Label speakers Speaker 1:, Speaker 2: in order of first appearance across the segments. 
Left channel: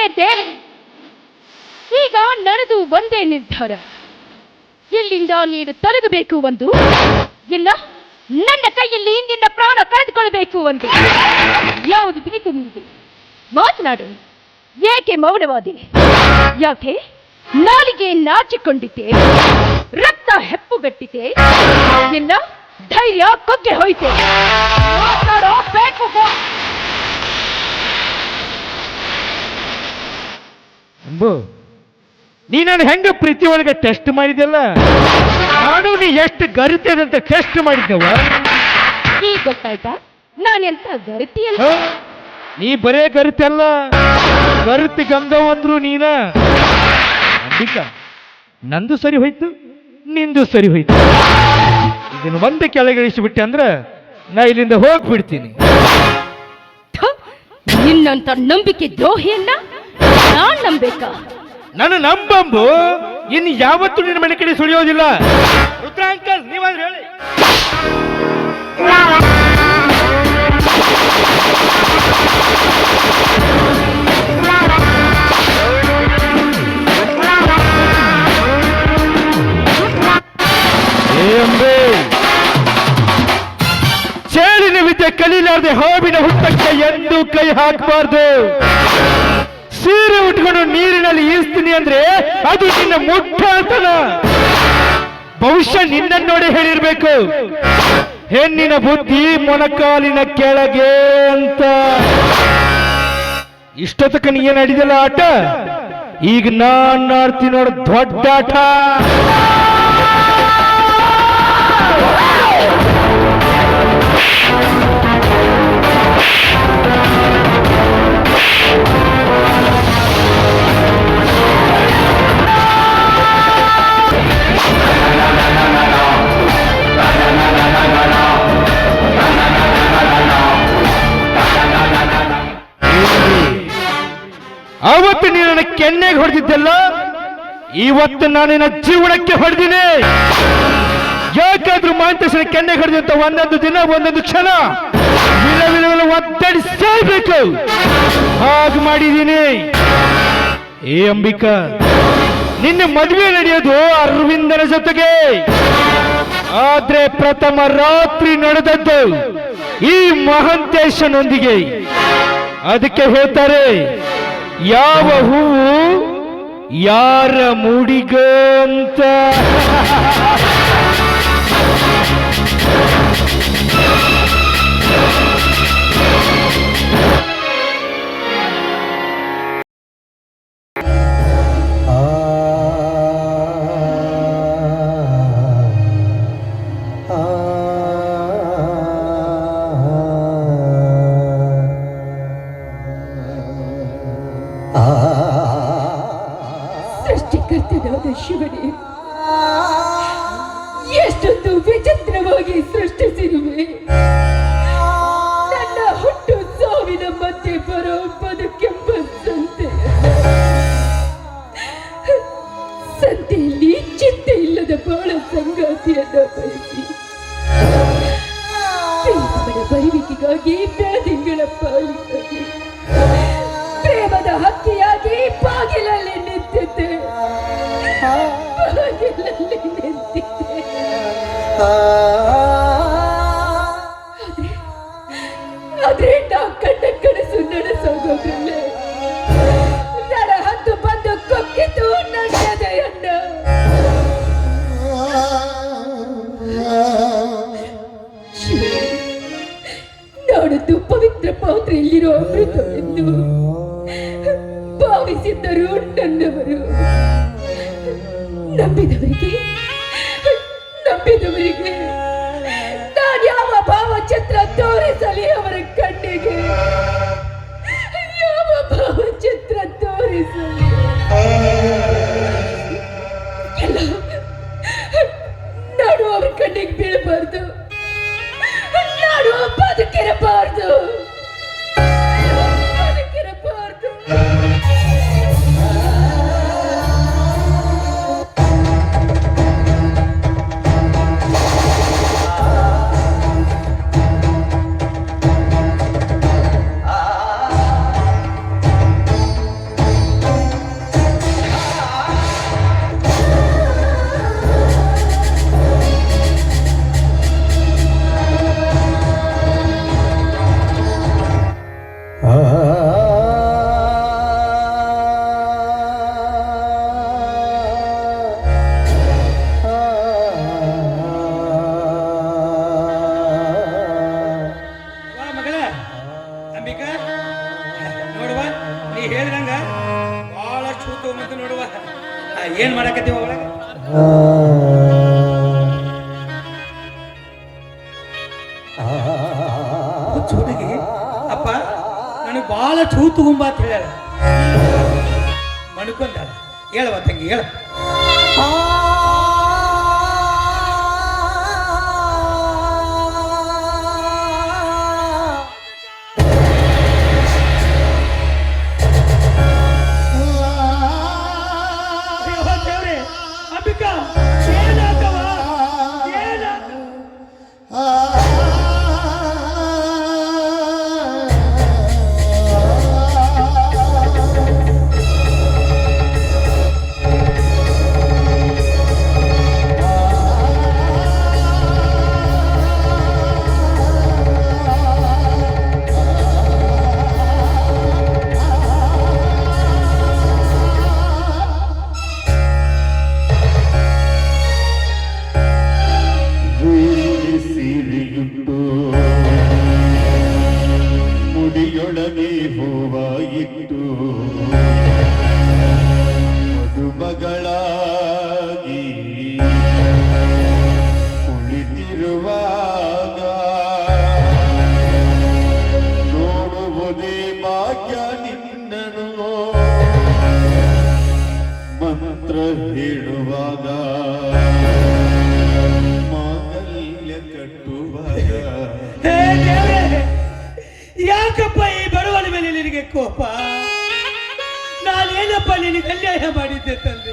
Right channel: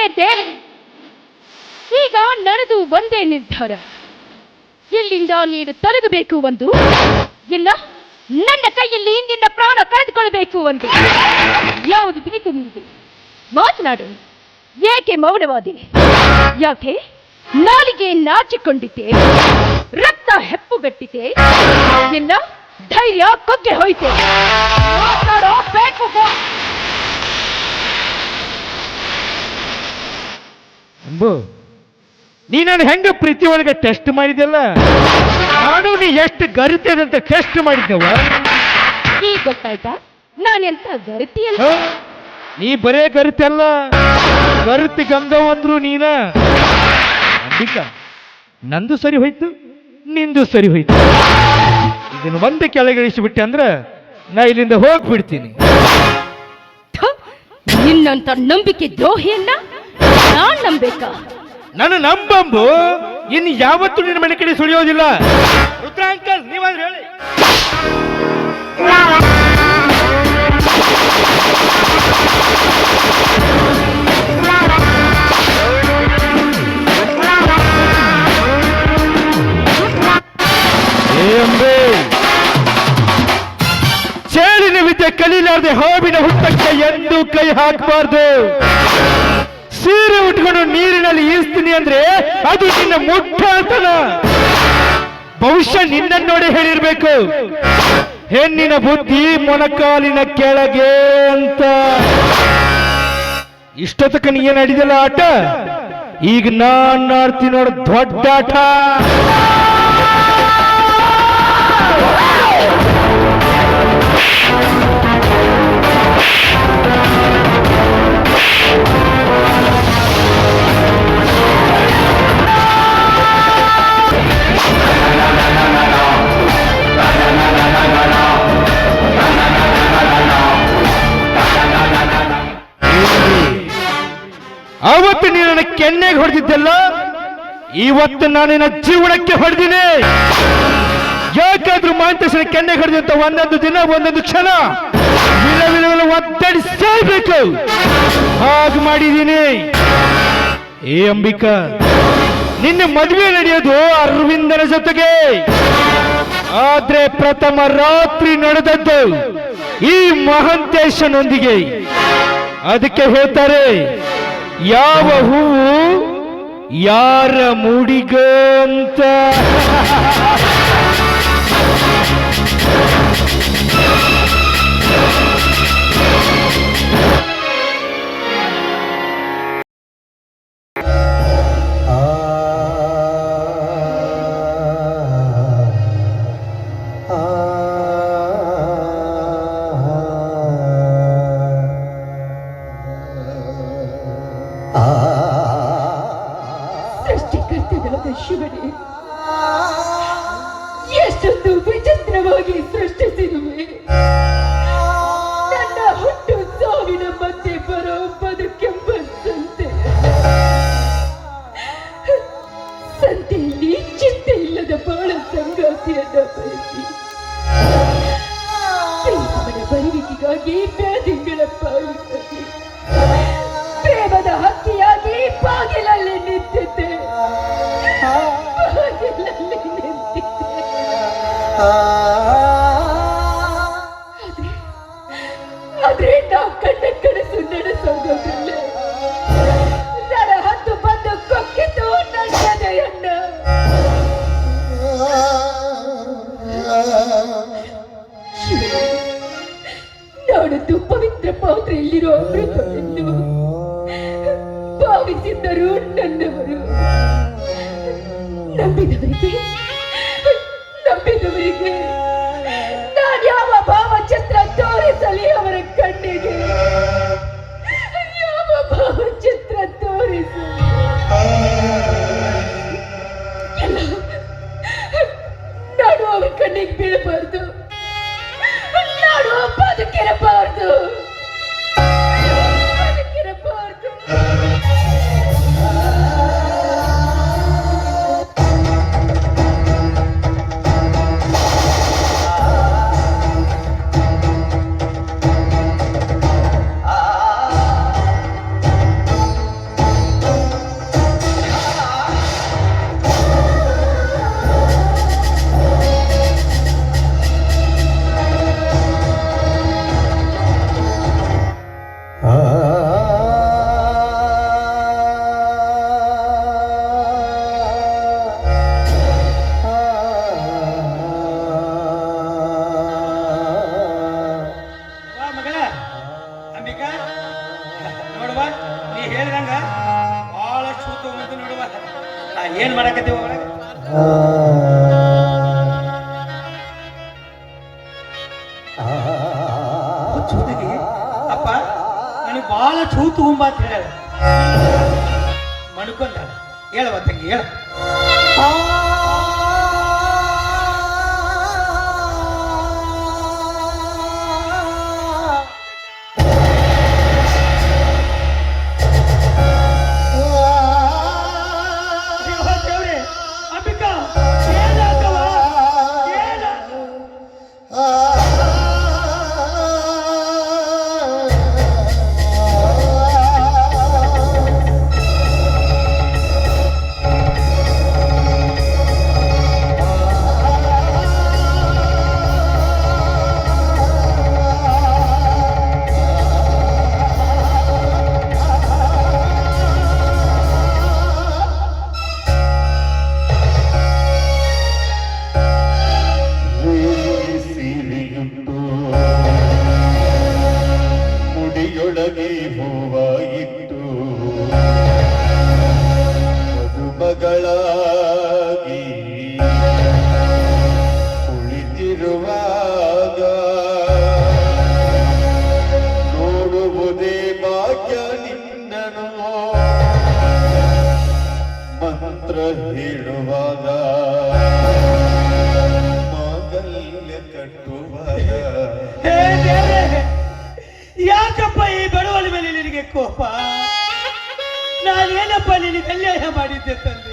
Speaker 1: ಏನಂತೆ ಈಗ ನಡೆದು ಒಂದೇ ನಿರ್ಧಾರ. ಇಲ್ಲಿಂದ ನೀನು ತೊಲಗಬೇಕು ಒಂದು? ಇಲ್ಲ, ನನ್ನ ಕೈಯಲ್ಲಿ ಇಂದಿನ ಪ್ರಾಣ ಕಳೆದುಕೊಳ್ಳಬೇಕು ಒಂದು. ಯಾವುದು ಬೇಕು ನಿಮಗೆ ಮಾತನಾಡು. ಏಕೆ ಮೌನವಾದೆ? ಯಾಕೆ? ನಾಲಿಗೆ ನಾಚಿಕೊಂಡಿದ್ದೆ. ರಕ್ತ ಹೆಪ್ಪುಗಟ್ಟಿದೆ. ಇಲ್ಲ ಧೈರ್ಯ ಕೊಗ್ಗೆ ಹೋಯ್ತೆ. ಮಾತನಾಡೋ ಬೇಕು
Speaker 2: ಅಂಬು ನೀ ನಾನು ಹೆಂಗ ಪ್ರೀತಿ ಒಳಗೆ ಟೆಸ್ಟ್ ಮಾಡಿದ್ಯಲ್ಲ? ನಾನು ನೀ ಎಷ್ಟು ಗರಿತದಂತ ಟೆಸ್ಟ್ ಮಾಡಿದ್ದೆವ?
Speaker 1: ಈಗ ಗೊತ್ತಾಯ್ತಾ? ಎಂತ ಗರಿತಿಯಲ್ಲ
Speaker 2: ಅಲ್ಲ? ನೀ ಬರೇ ಗರಿತಲ್ಲ ಗರಿತಿ ಗಂಗವ್ ಅಂದ್ರು ನೀನ. ಅಂಬಿಕ ನಂದು ಸರಿ ಹೋಯ್ತು ನಿಂದು ಸರಿ ಹೋಯ್ತು. ಇದನ್ನು ಒಂದು ಕೆಳಗಿಳಿಸಿಬಿಟ್ಟೆ ಅಂದ್ರೆ ನಾ ಇಲ್ಲಿಂದ ಹೋಗ್ಬಿಡ್ತೀನಿ.
Speaker 1: ನಿನ್ನಂತ ನಂಬಿಕೆ ದ್ರೋಹಿಯನ್ನ ನಾನ್ ನಂಬೇಕಾ?
Speaker 2: ನಾನು ನಂಬಂಬು. ಇನ್ನು ಯಾವತ್ತೂ ನಿನ್ನ ಮನೆ ಕಡೆ ಸುಳಿಯೋದಿಲ್ಲ. ರುದ್ರ ಅಂಕಲ್ ನೀವಾದ್ರೆ ಹೇಳಿ ಚೇಳಿನ ವಿದ್ಯೆ ಕಲೀಲಾರ್ದೆ ಹಾವಿನ ಹುಟ್ಟಕ್ಕೆ ಎಂದು ಕೈ ಹಾಕಬಾರ್ದು. ಸೀರೆ ಉಟ್ಕೊಂಡು ನೀರಿನಲ್ಲಿ ಈಸ್ತೀನಿ ಅಂದ್ರೆ ಅದು ನಿನ್ನ ಮುಟ್ಟಾತನ ಬಹುಶಃ ನಿನ್ನ ನೋಡಿ ಹೇಳಿರ್ಬೇಕು. ಹೆಣ್ಣಿನ ಬುದ್ಧಿ ಮೊಣಕಾಲಿನ ಕೆಳಗೆ ಅಂತ. ಇಷ್ಟೊತ್ತಕ ನೀ ಏನ್ ಆಟ? ಈಗ ನಾನ್ ಆಡ್ತೀನಿ ನೋಡ, ದೊಡ್ಡ ಆಟ. ಹೊಡೆದಿದ್ದಲ್ಲ ಇವತ್ತು ನಾನಿನ ಜೀವನಕ್ಕೆ ಹೊಡೆದಿನಿ. ಯಾಕಾದ್ರೂ ಮಾಂತೇಶ್ವರ ಕೆನ್ನೆ ಹೊಡೆದಂತ ಒಂದೊಂದು ದಿನ, ಒಂದೊಂದು ಕ್ಷಣ ವಿಲ ವಿಲ ವಿಲ ಒತ್ತಡಿ ಸೇರ್ಬೇಕು ಹಾಗ ಮಾಡಿದ್ದೀನಿ ಏ ಅಂಬಿಕಾ, ನಿನ್ನ ಮದುವೆ ನಡೆಯೋದು ಅರವಿಂದನ ಜೊತೆಗೆ. ಆದ್ರೆ ಪ್ರಥಮ ರಾತ್ರಿ ನಡೆದದ್ದು ಈ ಮಹಂತೇಶನೊಂದಿಗೆ. ಅದಕ್ಕೆ ಹೇಳ್ತಾರೆ, ಯಾವ ಹೂವು ಯಾರ ಮೂಡಿಗ
Speaker 3: ಎಷ್ಟೊಂದು ವಿಚಿತ್ರವಾಗಿ ಸೃಷ್ಟಿಸಿರುವೆ ನನ್ನ ಹುಟ್ಟು ಸಾವಿನ ಮತ್ತೆ ಬರೋ ಬದುಕೆಂಬ ಸಂತೆ ಸಂತೆಯಲ್ಲಿ ಚಿಂತೆ ಇಲ್ಲದ ಬಾಳ ಸಂಗಾತಿಯನ್ನ ಬಯಸಿ ಬರುವಿಕೆಗಾಗಿ
Speaker 4: ಮದುವೆಗೆ ನಾನು ಯಾವ ಭಾವಚಿತ್ರ ತೋರಿಸಲಿ ಅವರ ಕಣ್ಣಿಗೆ. ನನಗೆ ಭಾಳ ಚೂ ತಗೊಂಬ ಅಂತ ಹೇಳ್ಯಾರ. ಮಣ್ಕೊಂಡ ಹೇಳವ ತಂಗಿ ಹೇಳ.
Speaker 5: ಹೂವಾಯಿಟ್ಟು ಮಗುಮಗಳಾಗಿ ಕುಳಿತಿರುವಾಗ ನೋಡುವುದೇ ಭಾಗ್ಯ ನಿನ್ನನು ಮಂತ್ರ ಹೇಳುವಾಗ ಮಾಗಲ್ಯ ಕಟ್ಟುವಾಗ
Speaker 4: ಯಾಕಪ್ಪ ಅನ್ಯಾಯ ಮಾಡಿದ್ದೆ ತಂದೆ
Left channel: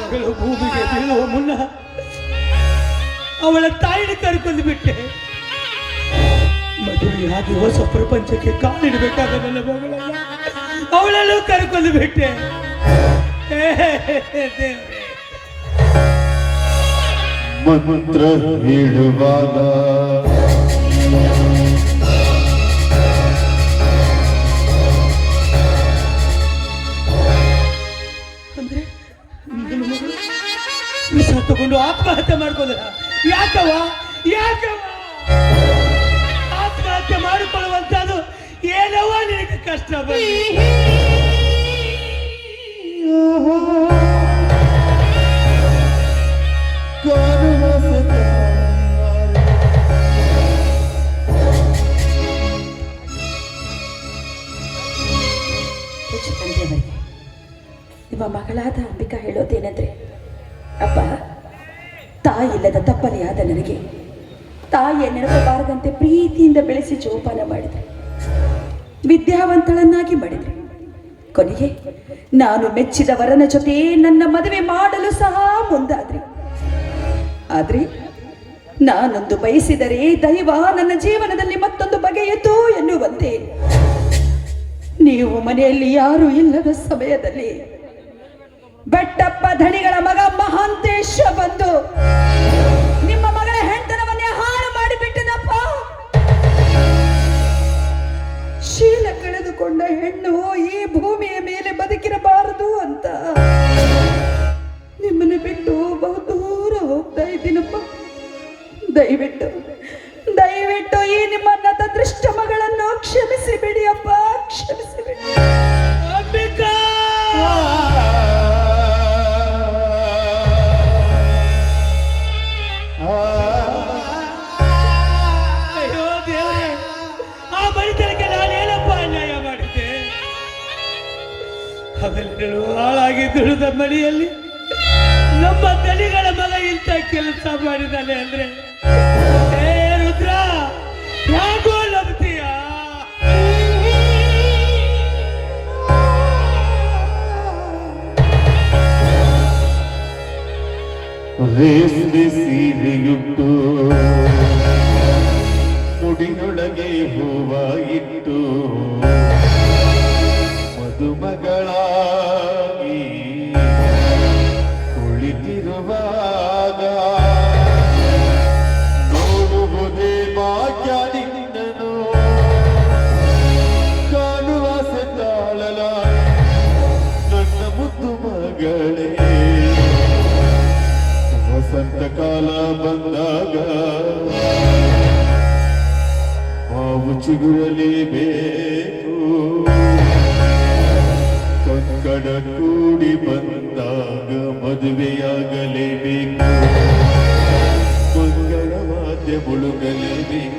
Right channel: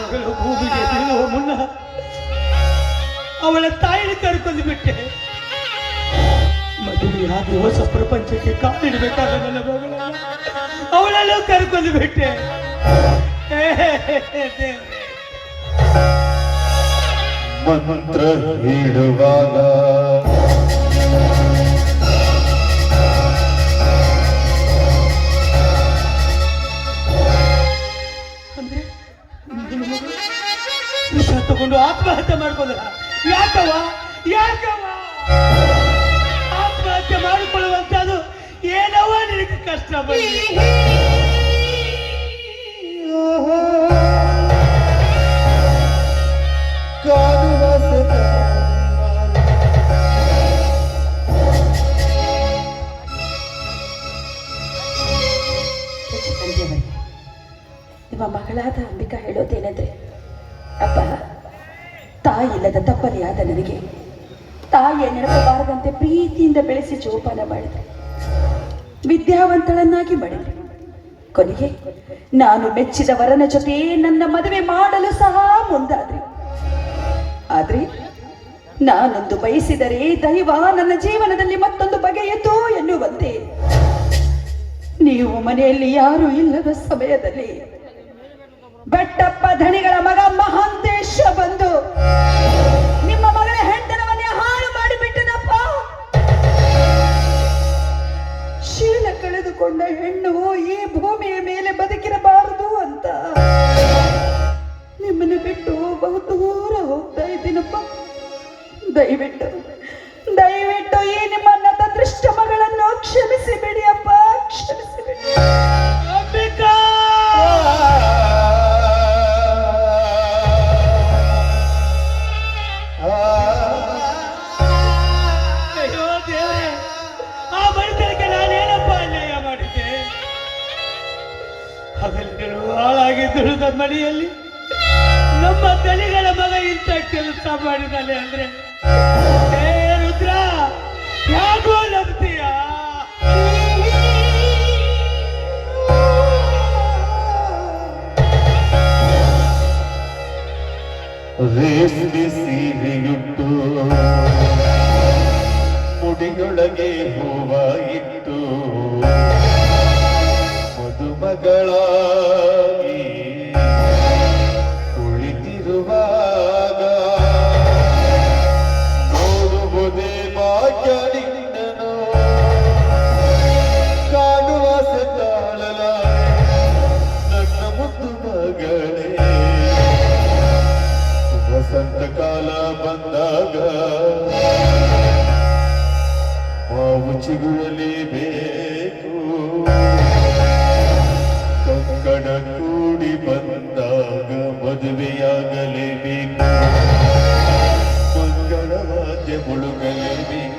Speaker 4: ಮಗಳು ಭೂಮಿಗೆ ಬೀಳುವ ಮುನ್ನ ಅವಳ ತಾಯಿನ ಕರ್ಕೊಂಡು ಬಿಟ್ಟೆ. ಮದುವೆಯಾಗಿ ಹೊಸ ಪ್ರಪಂಚಕ್ಕೆ ಕಾಲಿಡಬೇಕಾದ ನನ್ನ ಮಗಳನ್ನ ಅವಳನ್ನು ಕರ್ಕೊಂಡು ಬಿಟ್ಟೆ.
Speaker 5: ಮಂತ್ರ ಹೇಳುವಾಗ
Speaker 4: ನಿನಗೆ ಕಷ್ಟ
Speaker 3: ನಿಮ್ಮ ಮಗಳಾದ ಅಂಬಿಕಾ ಹೇಳೋದೇನೆಂದ್ರೆ, ಅಪ್ಪ ತಾಯಿಲ್ಲದ ಆದ ನನಗೆ. ತಾಯಿಯ ನೆನಪಬಾರದಂತೆ ಪ್ರೀತಿಯಿಂದ ಬೆಳೆಸಿ ಜೋಪಾನ ಮಾಡಿದ್ರೆ. ವಿದ್ಯಾವಂತಳನ್ನಾಗಿ ಮಾಡಿದ್ರೆ ಕೊನೆಗೆ ನಾನು ಮೆಚ್ಚಿದ ವರನ ಜೊತೆ ನನ್ನ ಮದುವೆ ಮಾಡಲು ಸಹ ಮುಂದಾದ್ರಿ. ಆದ್ರೆ ನಾನೊಂದು ಬಯಸಿದರೆ ದೈವ ನನ್ನ ಜೀವನದಲ್ಲಿ ಮತ್ತೊಂದು ಬಗೆಯಿತು ಎನ್ನುವಂತೆ. ನೀವು ಮನೆಯಲ್ಲಿ ಯಾರು ಇಲ್ಲದ ಸಮಯದಲ್ಲಿ
Speaker 4: ಸಂತಕಾಲ ಬಂದಾಗ ಆ
Speaker 5: ಚಿಗುರಲೇಬೇಕು